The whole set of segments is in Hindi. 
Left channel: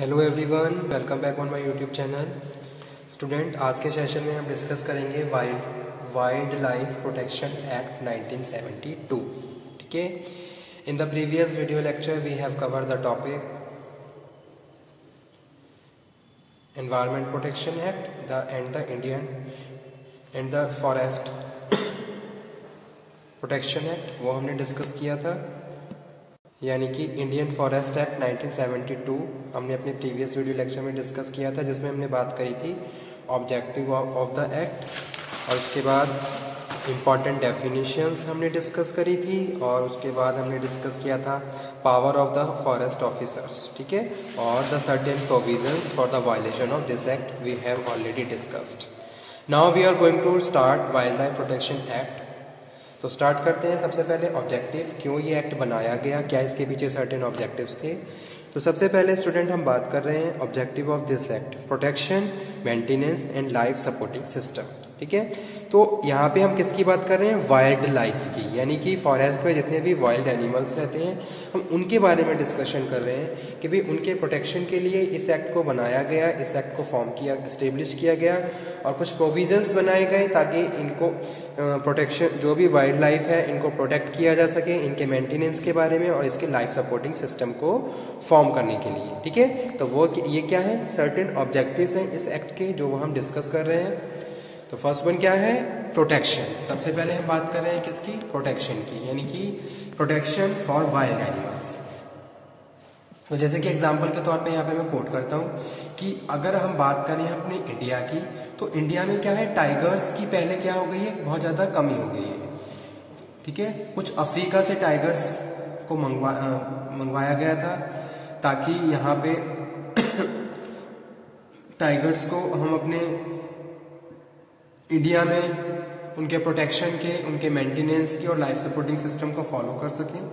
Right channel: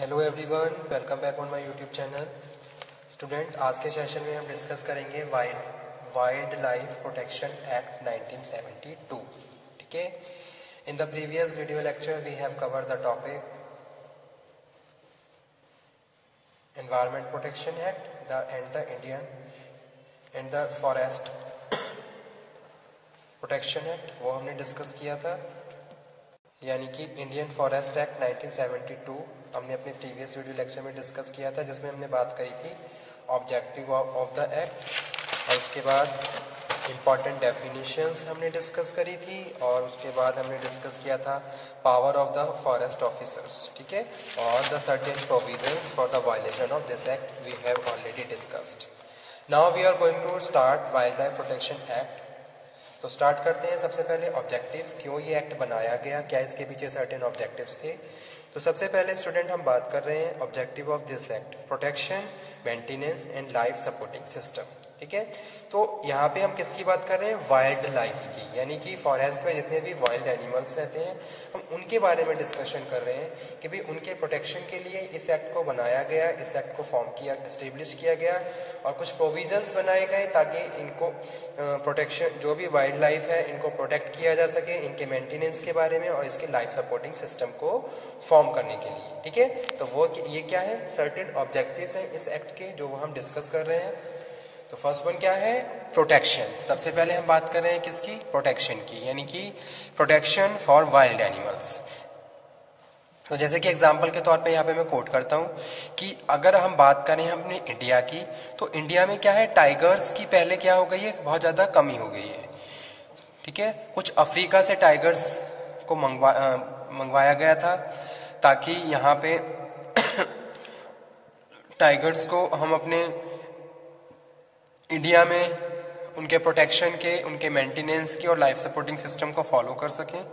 Hello everyone, welcome back on my YouTube channel. Student, आज के सेशन में हम डिस्कस करेंगे वाइल्ड लाइफ प्रोटेक्शन एक्ट 1972। ठीक है। In the previous video lecture we have cover the topic environment protection act the Indian and the forest protection act, वो हमने डिस्कस किया था, यानी कि इंडियन फॉरेस्ट एक्ट 1972 हमने अपने प्रीवियस वीडियो लेक्चर में डिस्कस किया था, जिसमें हमने बात करी थी ऑब्जेक्टिव ऑफ द एक्ट, और उसके बाद इम्पॉर्टेंट डेफिनेशंस हमने डिस्कस करी थी, और उसके बाद हमने डिस्कस किया था power of the forest officers. ठीक है। और the certain provisions for the violation of this act we have already discussed. Now we are going to start wild life protection act. तो स्टार्ट करते हैं। सबसे पहले ऑब्जेक्टिव, क्यों ये एक्ट बनाया गया, क्या इसके पीछे सर्टेन ऑब्जेक्टिव्स थे। तो सबसे पहले स्टूडेंट हम बात कर रहे हैं objective of this act, protection, maintenance and life supporting system. ठीक है। तो यहाँ पे हम किसकी बात कर रहे हैं? वाइल्ड लाइफ की, यानी कि फॉरेस्ट में जितने भी वाइल्ड एनिमल्स रहते हैं हम उनके बारे में डिस्कशन कर रहे हैं कि भाई उनके प्रोटेक्शन के लिए इस एक्ट को बनाया गया, इस एक्ट को फॉर्म किया, एस्टेब्लिश किया गया, और कुछ प्रोविजंस बनाए गए ताकि इनको प्रोटेक्शन, जो भी वाइल्ड लाइफ है इनको प्रोटेक्ट किया जा सके, इनके मेंटेनेंस के बारे में और इसके लाइफ सपोर्टिंग सिस्टम को फॉर्म करने के लिए। ठीक है। तो वो ये क्या है? सर्टेन ऑब्जेक्टिव्स हैं इस एक्ट के, जो हम डिस्कस कर रहे हैं। तो फर्स्ट वन क्या है? प्रोटेक्शन। सबसे पहले हम बात कर रहे हैं किसकी? प्रोटेक्शन की, यानी कि प्रोटेक्शन फॉर वाइल्ड एनिमल्स। तो जैसे कि एग्जांपल के तौर पे यहाँ पे मैं कोट करता हूँ कि अगर हम बात करें अपने इंडिया की, तो इंडिया में क्या है, टाइगर्स की पहले क्या हो गई है, बहुत ज़्यादा कमी हो गई है। ठीक है। कुछ अफ्रीका से टाइगर्स को मंगवाया गया था ताकि यहाँ पे टाइगर्स को हम अपने इंडिया में उनके प्रोटेक्शन के, उनके मेंटेनेंस की और लाइफ सपोर्टिंग सिस्टम को फॉलो कर सकें।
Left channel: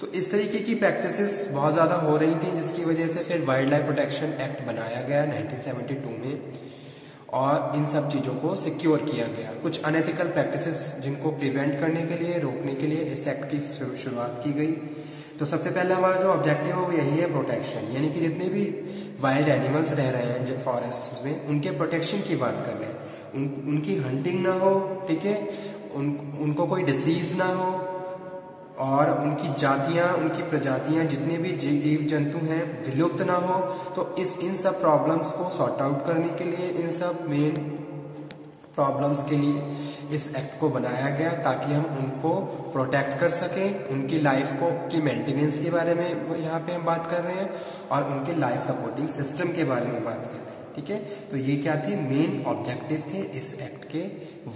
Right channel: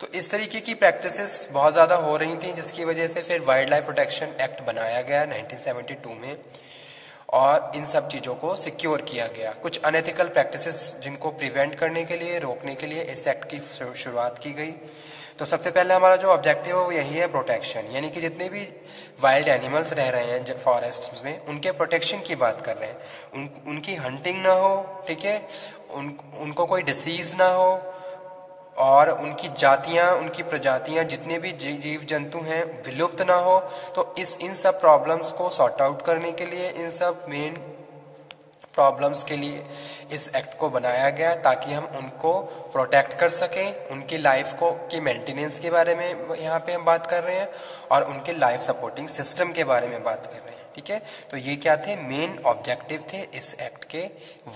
तो इस तरीके की प्रैक्टिसेस बहुत ज़्यादा हो रही थी, जिसकी वजह से फिर वाइल्ड लाइफ प्रोटेक्शन एक्ट बनाया गया 1972 में, और इन सब चीज़ों को सिक्योर किया गया। कुछ अनएथिकल प्रैक्टिसेस जिनको प्रिवेंट करने के लिए, रोकने के लिए इस एक्ट की शुरुआत की गई। तो सबसे पहले हमारा जो ऑब्जेक्टिव है वो यही है, प्रोटेक्शन, यानी कि जितने भी वाइल्ड एनिमल्स रह रहे हैं फॉरेस्ट में उनके प्रोटेक्शन की बात कर रहे हैं। उनकी हंटिंग ना हो, ठीक है, उनको कोई डिसीज ना हो, और उनकी जातियां, उनकी प्रजातियां, जितने भी जीव जंतु हैं विलुप्त ना हो। तो इन सब प्रॉब्लम्स को सॉर्ट आउट करने के लिए, इन सब मेन प्रॉब्लम्स के लिए इस एक्ट को बनाया गया ताकि हम उनको प्रोटेक्ट कर सकें। उनकी लाइफ को की मेंटेनेंस के बारे में यहाँ पे हम बात कर रहे हैं, और उनके लाइफ सपोर्टिंग सिस्टम के बारे में बात कर रहे हैं। ठीक है। तो ये क्या थे? मेन ऑब्जेक्टिव थे इस एक्ट के,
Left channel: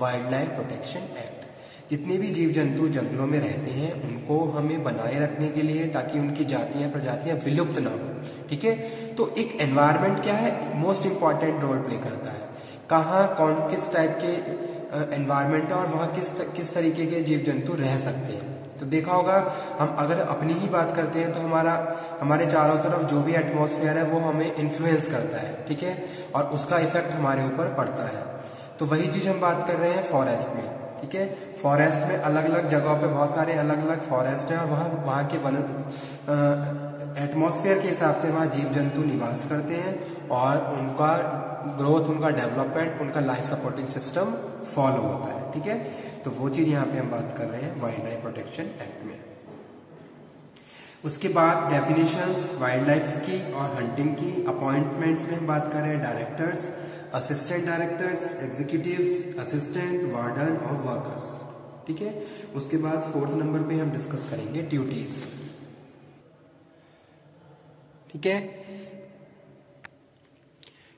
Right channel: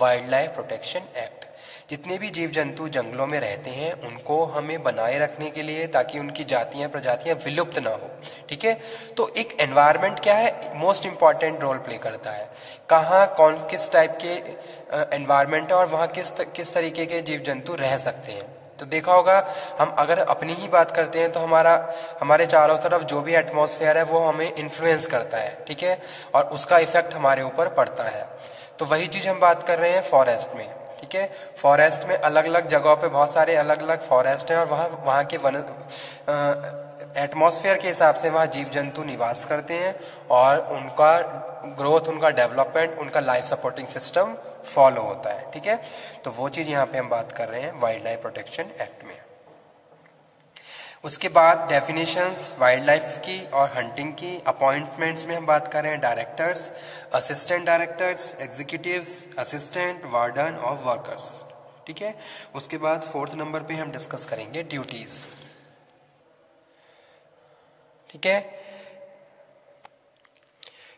वाइल्ड लाइफ प्रोटेक्शन एक्ट। जितने भी जीव जंतु जंगलों में रहते हैं उनको हमें बनाए रखने के लिए, ताकि उनकी जातियां, प्रजातियां विलुप्त ना हो। ठीक है। तो एक एनवायरनमेंट क्या है, मोस्ट इंपॉर्टेंट रोल प्ले करता है। कहाँ कौन किस टाइप के एनवायरनमेंट है और वहाँ किस तरीके के जीव जंतु रह सकते हैं। तो देखा होगा, हम अगर अपनी ही बात करते हैं तो हमारे चारों तरफ जो भी एटमॉस्फेयर है वो हमें इन्फ्लुएंस करता है। ठीक है। और उसका इफेक्ट हमारे ऊपर पड़ता है। तो वही चीज़ हम बात कर रहे हैं फॉरेस्ट में। ठीक है। फॉरेस्ट में अलग अलग जगहों पे बहुत सारे अलग अलग फॉरेस्ट हैं, और वहाँ के एटमॉस्फेयर के हिसाब से वहाँ जीव जंतु निवास करते हैं, और उनका ग्रोथ, उनका डेवलपमेंट, उनका लाइफ सपोर्टिंग सिस्टम फॉलो होता है। ठीक है। तो वो चीज़ यहाँ पे हम बात कर रहे हैं वाइल्ड लाइफ प्रोटेक्शन एक्ट में। उसके बाद डेफिनेशंस वाइल्ड लाइफ की और हंटिंग की। अपॉइंटमेंट्स में हम बात कर रहे हैं directors, assistant directors, executives, assistant, warden और वर्कर्स। ठीक है। उसके बाद फोर्थ नंबर पे हम डिस्कस करेंगे ड्यूटीज। ठीक है।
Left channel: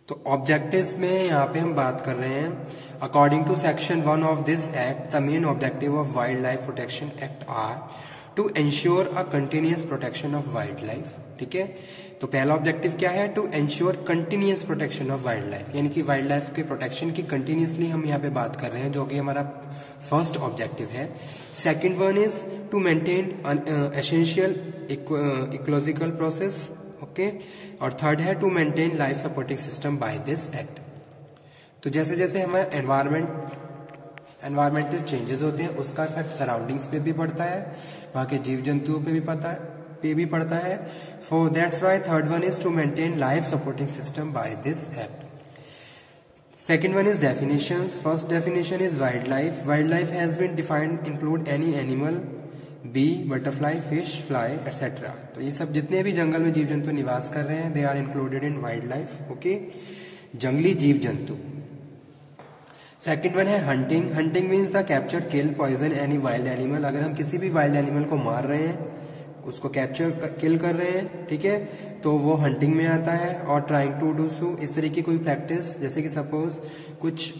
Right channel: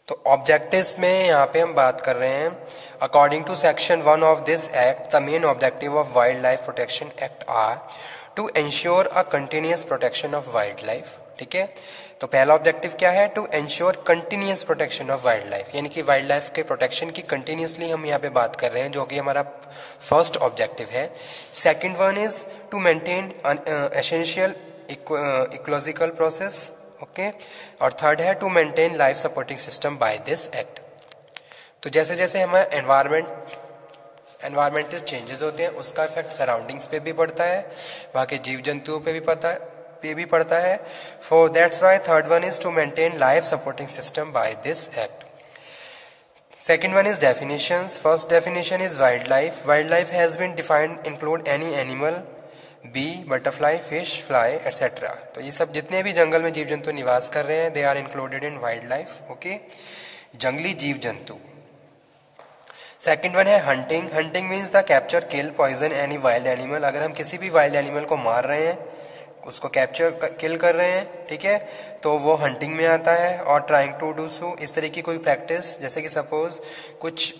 तो ऑब्जेक्टिव्स में यहाँ पे हम बात कर रहे हैं, according to section 1 of this act the main objective of wild life protection act are to ensure a continuous protection of wildlife. ठीक है। तो पहला ऑब्जेक्टिव क्या है? To ensure continuous protection of wildlife, यानी कि वाइल्ड लाइफ के प्रोटेक्शन की कंटिन्यूअसली हम यहाँ पे बात कर रहे हैं, जो कि हमारा फर्स्ट ऑब्जेक्टिव है। Second one is to maintain essential ecological process. Okay. और थर्ड है to maintain life supporting system by this act. तो जैसे जैसे हमारा एनवायरमेंटल चेंजेस होते हैं उसका इफेक्ट सराउंडिंग्स पे भी पड़ता है, वहाँ के जीव जंतुओं पे भी पड़ता है, पे भी पड़ता है। For that's why third one is to maintain life supporting system by this act. Second one is definitions. First definition is wildlife. Wildlife has been defined include any animal, bee, butterfly, fish, fly, etc. तो ये सब जितने भी जंगल में जीव जंतु निवास कर रहे हैं they are included in wildlife. Okay, जंगली जीव जंतु। सेकेंड वन है hunting. Hunting means the capture, kill, poison any wild animal. अगर हम किसी भी वाइल्ड एनिमल को मार रहे हैं, उसको कैप्चर किल कर रहे हैं, ठीक है, तो वो हंटिंग में आता है। और ट्राइंग टू डू सो, इस तरह की कोई प्रैक्टिस, जैसे कि सपोज कुछ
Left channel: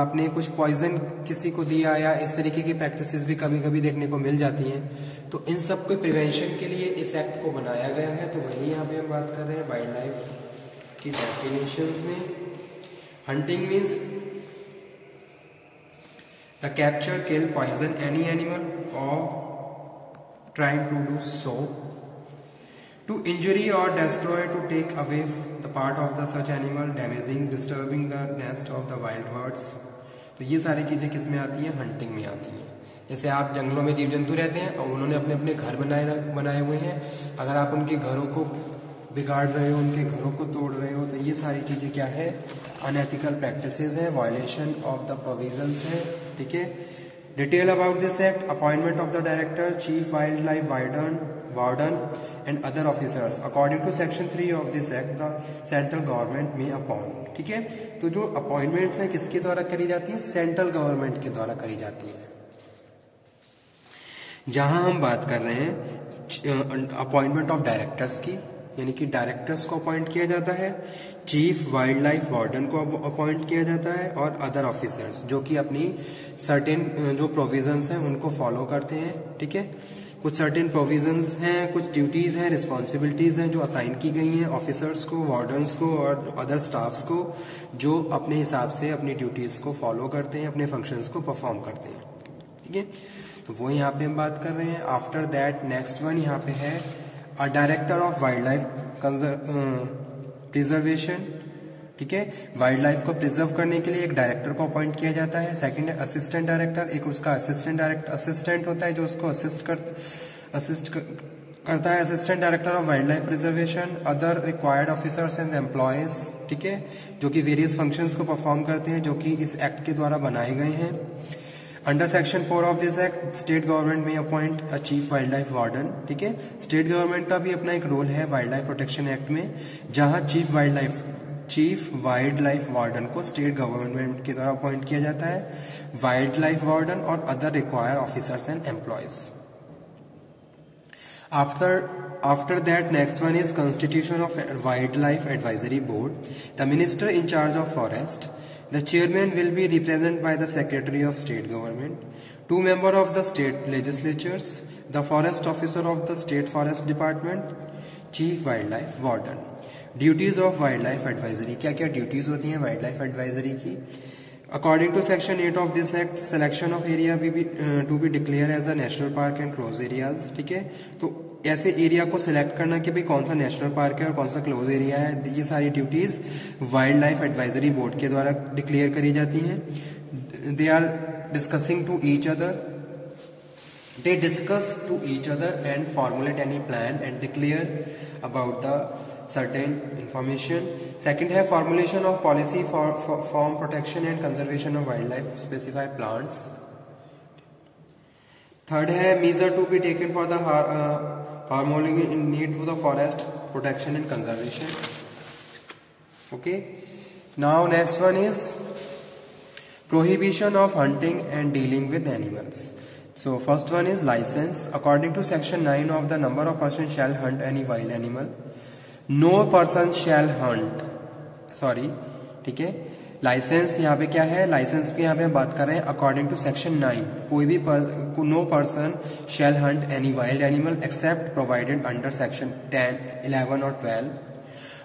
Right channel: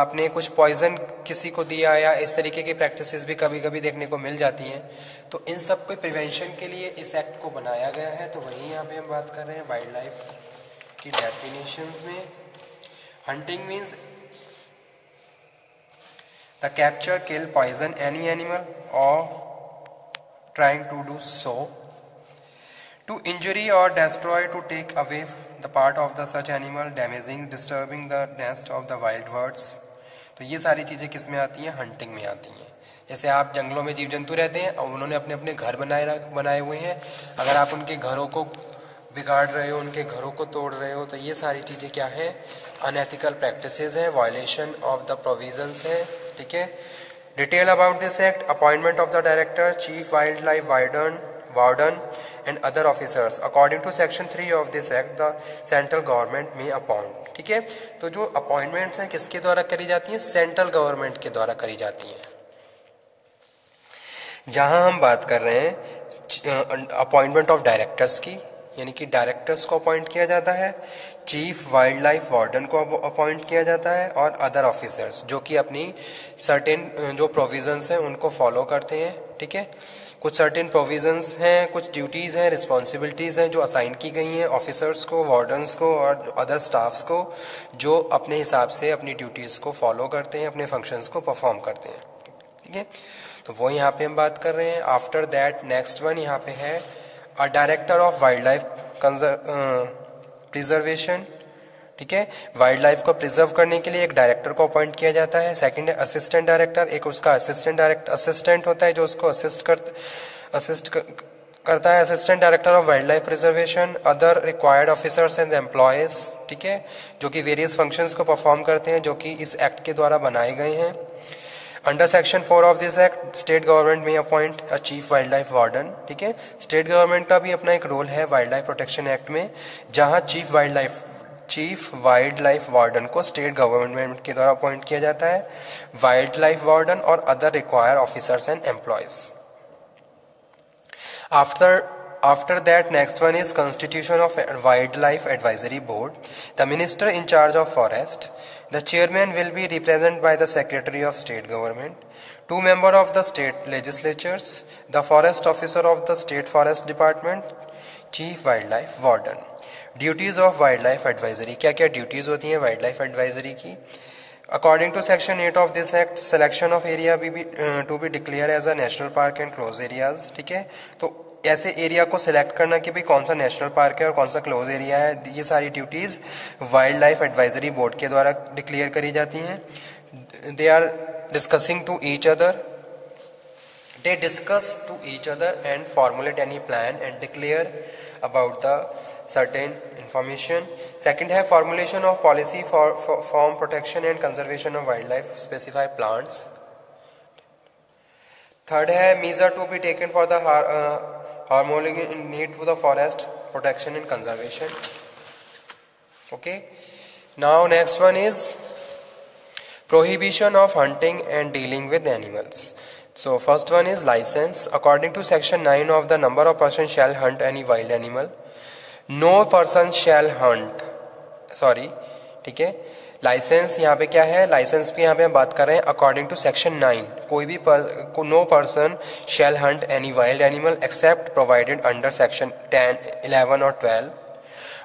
आपने कुछ पॉइजन किसी को दिया या इस तरीके की प्रैक्टिसेस भी कभी कभी देखने को मिल जाती हैं। तो इन सब के प्रिवेंशन के लिए इस एक्ट को बनाया गया है। तो वही यहाँ पे हम बात कर रहे हैं वाइल्ड लाइफ की डेफिनेशंस में। Hunting means the capture, kill, poison any animal और trying to do so, to injury or destroy, to take away the part of the such animal, damaging, disturbing the nest of the wild birds। तो ये सारी चीज़ें किस में आती हैं? हंटिंग में आती हैं। जैसे आप जंगलों में जीव जंतु रहते हैं और उन्होंने अपने अपने घर बनाए हुए हैं, अगर आप उनके घरों को बिगाड़ रहे हो, उनके घरों को तोड़ रहे हो, तो ये सारी चीज़ें क्या है? अनएथिकल प्रैक्टिसेस हैं, वायलेशन ऑफ द प्रोविजंस है, ठीक है। Detail about this act: appointment of the director, chief wildlife warden and other officers. According to section 3 of this act, the central government may appoint। ठीक है, तो जो अपॉइंटमेंट्स हैं किसके द्वारा करी जाती है? सेंट्रल गवर्नमेंट के द्वारा करी जाती है। जहां हम बात कर रहे हैं अपॉइंटमेंट ऑफ डायरेक्टर्स की, यानी कि डायरेक्टर्स को अपॉइंट किया जाता है, चीफ वाइल्ड लाइफ वार्डन को अपॉइंट किया जाता है, और अदर ऑफिसर्स जो कि अपनी सर्टेन जो प्रोविजंस हैं उनको फॉलो करते हैं, ठीक है। कुछ सर्टेन प्रोविजंस हैं, कुछ ड्यूटीज़ हैं, रिस्पॉन्सिबिलिटीज़ हैं जो असाइन की गई हैं ऑफिसर्स को, वार्डन्स को और अदर स्टाफ्स को, जो अपने हिसाब से अपनी ड्यूटीज़ को फॉलो करते हैं, अपने फंक्शंस को परफॉर्म करते हैं, ठीक है। तो वो यहाँ पे हम बात कर रहे हैं। आफ्टर दैट नेक्स्ट वन यहाँ पे है a director of wild life preservation, ठीक है। वाइल्ड लाइफ को प्रिजर्व करने के लिए एक डायरेक्टर को अपॉइंट किया जाता है। सेकंड है असिस्टेंट डायरेक्टर, एक उसका असिस्टेंट होता है जो उसको असिस्ट करता है। Assistant director of wild life preservation, other required officers and employees, ठीक है, जो कि वेरियस फंक्शंस को परफॉर्म करते हैं जो कि इस एक्ट के द्वारा बनाए गए हैं। Under section 4 of this act, state government में appoint a chief wild life warden, ठीक है। स्टेट गवर्नमेंट का भी अपना एक रोल है वाइल्ड लाइफ प्रोटेक्शन एक्ट में, जहां चीफ वाइल्ड लाइफ वार्डन को स्टेट गवर्नमेंट के द्वारा अपॉइंट किया जाता है। वाइल्ड लाइफ वार्डन और other required officers and employees. After that, next one is constitution of wildlife advisory board. The minister in charge of forest. The chairman will be represented by the secretary of state government. 2 members of the state legislatures. The forest officer of the state forest department. Chief wildlife warden. Duties of wildlife advisory. क्या क्या duties होती हैं wildlife advisory की? According to section 8 of this act, selection of area to be declared as a national park and close areas, ठीक है। तो ऐसे एरिया को सिलेक्ट करना कि भाई कौन सा नेशनल पार्क है और कौन सा क्लोज एरिया है, ये सारी duties wild life advisory board के द्वारा डिक्लेयर करी जाती हैं। They are discussing to each other, they discuss to each other and formulate any plan and declare about the certain information. Second है formulation of policy for protection and conservation of wildlife, specify plants. Third है measure to be taken for the harmony in need to the forest protection and conservation. Okay, now next one is prohibition of hunting and dealing with animals. So first one is license. According to section 9 of the number of persons shall hunt any wild animal. No person shall hunt. Sorry, ठीक है। लाइसेंस यहाँ पे क्या है? लाइसेंस पे यहाँ पे हम बात कर रहे हैं अकॉर्डिंग टू सेक्शन 9, कोई भी no person shall hunt any wild animal except provided under section 10, 11 और 12।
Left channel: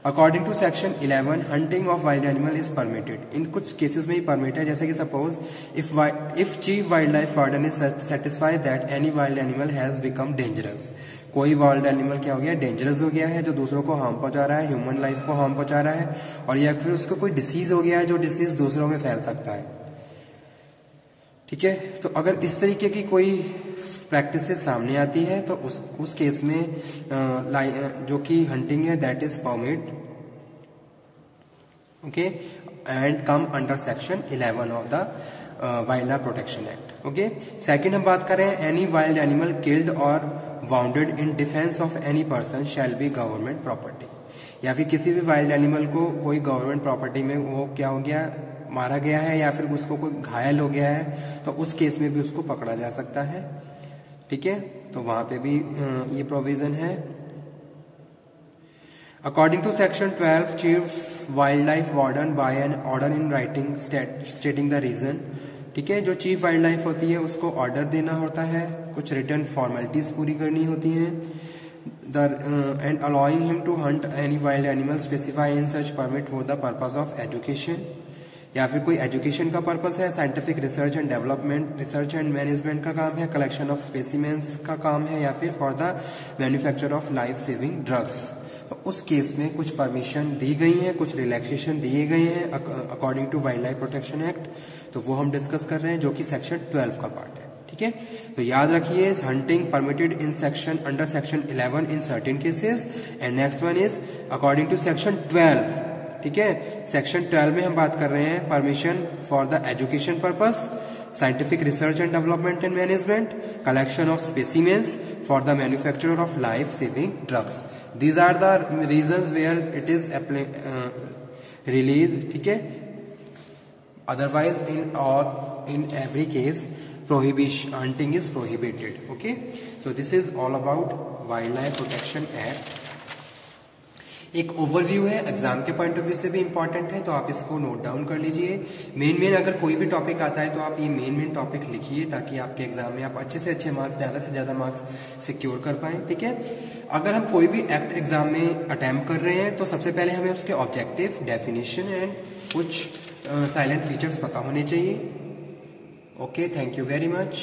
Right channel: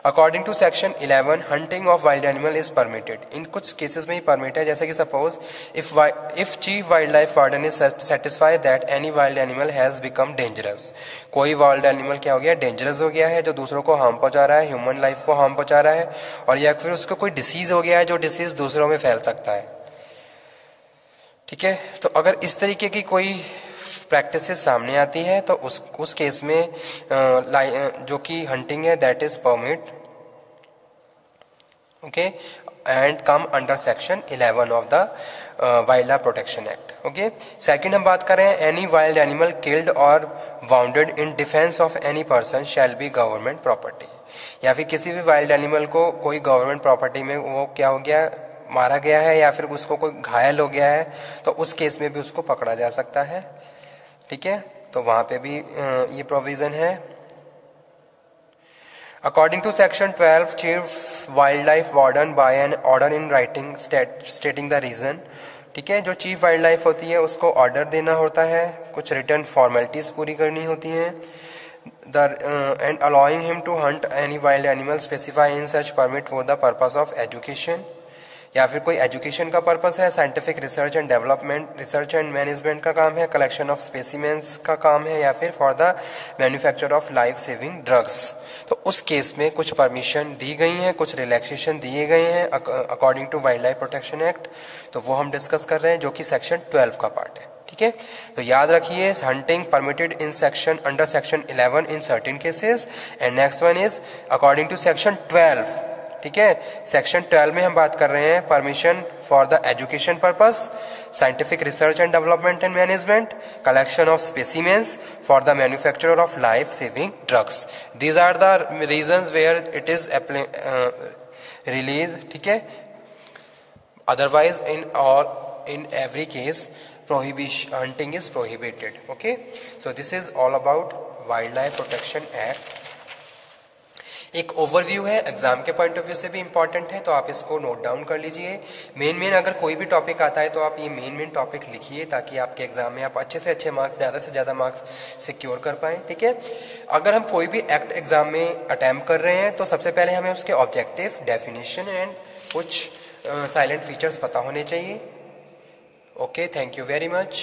According to section 11, hunting of wild animal is permitted. इन कुछ केसेस में ही परमिट है, जैसे कि suppose if chief wild life warden is satisfied that any wild animal has become dangerous, कोई वाइल्ड एनिमल क्या हो गया? डेंजरस हो गया है, जो दूसरों को हार्म पहुंचा रहा है, ह्यूमन लाइफ को हार्म पहुंचा रहा है, और या फिर उसको कोई डिसीज हो गया है जो डिसीज दूसरों में फैल सकता है। ठीक है। तो अगर इस तरीके की कोई प्रैक्टिस सामने आती है तो उस केस में जो कि हंटिंग है that is permit, okay, and come under section 11 of the wild life protection act. Okay, second हम बात कर रहे हैं एनी वाइल्ड एनिमल किल्ड और bounded in defence of any person shall be government property, या फिर किसी भी वाइल्ड एनिमल को कोई गवर्नमेंट प्रॉपर्टी में वो क्या हो गया, मारा गया है या फिर उसको कोई घायल हो गया है, तो उस केस में भी उसको पकड़ा जा सकता है। ठीक है, तो वहां पे भी ये प्रोविजन है। According to section 12 chief wild life warden by an order in writing stating the reason. ठीक है, जो चीफ वाइल्ड लाइफ होती है उसको ऑर्डर देना होता है, कुछ रिटर्न फॉर्मेलिटीज पूरी करनी होती हैं, and allowing him to hunt any wild animal specify in such permit for the purpose of education, या फिर कोई एजुकेशन का पर्पस है, scientific research and development, research and management का काम है, कलेक्शन ऑफ स्पेसिमेंस का काम है, या फिर for the manufacture of life saving drugs. तो उस केस में कुछ परमिशन दी गई है, कुछ रिलैक्सेशन दिए गए हैं according to wild life protection act, तो वो हम डिस्कस कर रहे हैं जो कि सेक्शन 12 का पार्ट है। ठीक है, तो याद रखिए hunting permitted in section under section 11 in certain cases, and next one is according to section 12। ठीक है, सेक्शन 12 में हम बात कर रहे हैं permission for the education purpose, scientific research and development and management, collection of specimens for the manufacture of life saving drugs. These are the reasons where it is release. ठीक है, otherwise in every case prohibition hunting is prohibited. Okay, so this is all about wildlife protection act. एक ओवरव्यू है, एग्जाम के पॉइंट ऑफ व्यू से भी इंपॉर्टेंट है, तो आप इसको नोट डाउन कर लीजिए। मेन अगर कोई भी टॉपिक आता है तो आप ये मेन टॉपिक लिखिए ताकि आपके एग्जाम में आप अच्छे से अच्छे मार्क्स, ज़्यादा से ज़्यादा मार्क्स सिक्योर कर पाएं। ठीक है, अगर हम कोई भी एक्ट एग्जाम में अटेम्प्ट कर रहे हैं तो सबसे पहले हमें उसके ऑब्जेक्टिव, डेफिनेशन एंड कुछ साइलेंट फीचर्स पता होने चाहिए। Okay, thank you very much.